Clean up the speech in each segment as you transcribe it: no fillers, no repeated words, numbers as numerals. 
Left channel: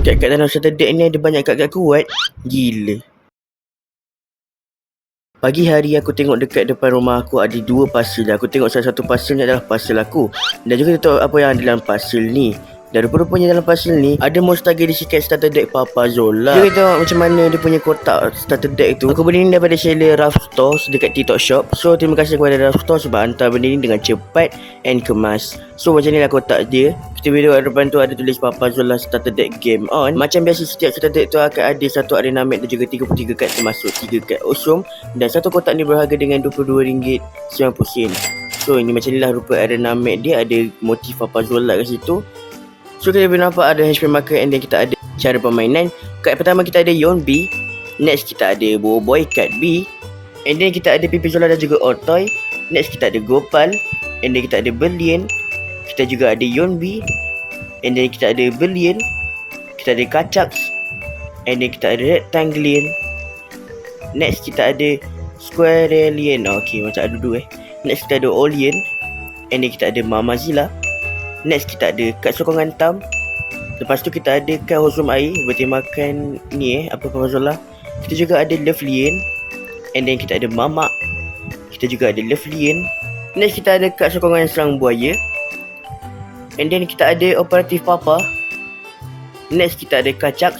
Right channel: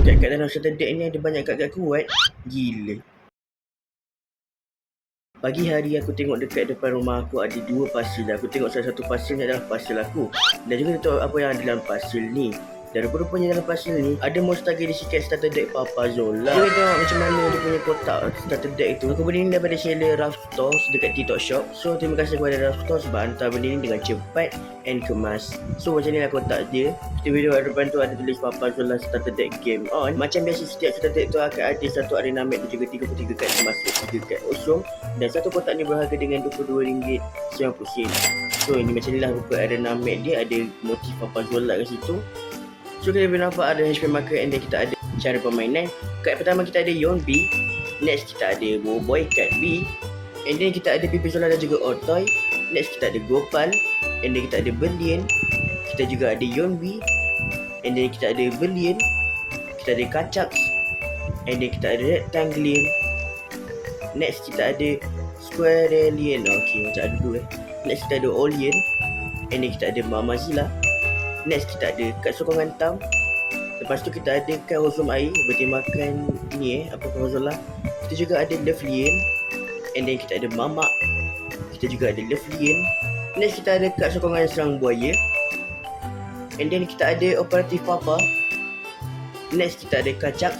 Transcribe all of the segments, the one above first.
Kat dalam starter deck ni ada banyak kad-kad kuat. Gila. Pagi hari aku tengok dekat depan rumah aku ada 2 parcel. Aku tengok salah satu parcel ni adalah parcel aku. Dan juga tahu apa yang ada dalam parcel ni. Dan rupa-rupanya dalam parcel ni ada Monster Edisi Cat starter deck Papa Zola. Kita tengok macam mana dia punya kotak starter deck tu. Aku beli ni daripada seller Ralph Stores dekat TikTok Shop. So terima kasih kepada Ralph Stores sebab hantar benda ni dengan cepat and kemas. So macam ni lah kotak dia. Kita video kat depan tu ada tulis Papa Zola starter deck game on. Macam biasa setiap starter deck tu akan ada satu arena map dan juga 33 kad termasuk 3 kad usum. Dan satu kotak ni berharga dengan RM22.90. So ini macam ni lah rupa arena map dia. Ada motif Papa Zola kat situ. So kita boleh nampak ada HP marker and then kita ada cara permainan. Kad pertama kita ada Yon B. Next kita ada Boboiboy kad B. And then kita ada Pipi Zola dan juga Ortoy. Next kita ada Gopal. And then kita ada Berlian. Kita juga ada Yon B. And then kita ada Berlian. Kita ada Kacak. And then kita ada Rectanglian. Next kita ada Squarelian. Okay, macam ada dua Next kita ada Olian. And then kita ada Mamazilla. Next kita ada kad sokongan tam. Lepas tu kita ada kad hosum air bertemakan ni Papa Zola. Kita juga ada Lovelian. And then kita ada Mamak. Kita juga ada Lovelian. Next kita ada kad sokongan serang buaya. And then kita ada Operatif Papa. Next kita ada Kacak.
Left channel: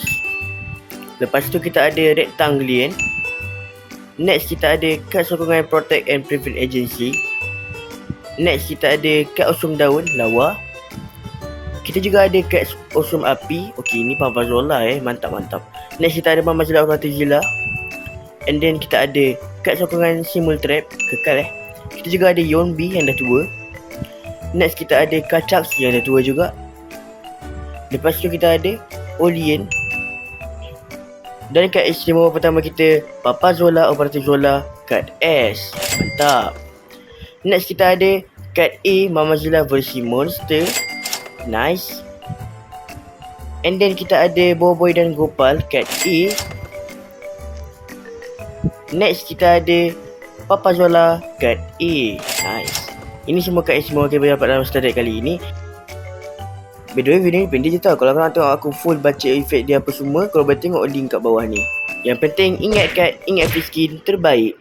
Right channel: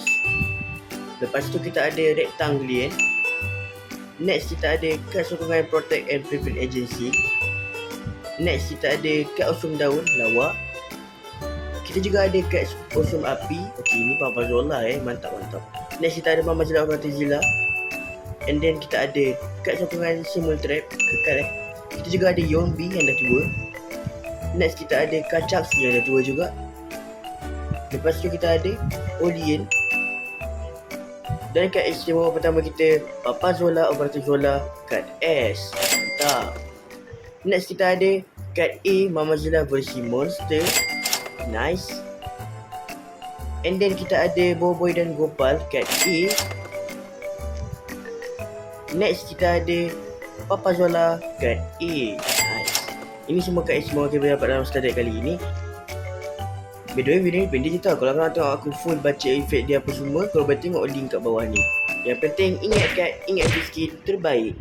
Lepas tu kita ada Rectanglian. Next kita ada kad sokongan Protect and Prevent Agency. Next kita ada kad usum daun lawa. Kita juga ada kad usum api. Okey, ni Papa Zola mantap. Next kita ada Mamazilla Oratizilla. And then kita ada kad sokongan Simul Trap kekal Kita juga ada Yon B yang dah tua. Next kita ada Kacak yang dah tua juga. Lepas tu kita ada Olian. Dan kad istimewa pertama kita Papa Zola Operatif Zola kad S. Mantap. Next kita ada kad A Mamazilla versi Monster. Nice. And then kita ada Boboiboy dan Gopal kad A. Next kita ada Papa Zola kad A. Nice. Ini semua kad istimewa kita dapat dalam starter deck kali ini. By the way, video ni pendek je tau. Kalau korang tengok aku full baca efek dia apa semua, korang boleh tengok link kat bawah ni. Yang penting ingat fiskin terbaik.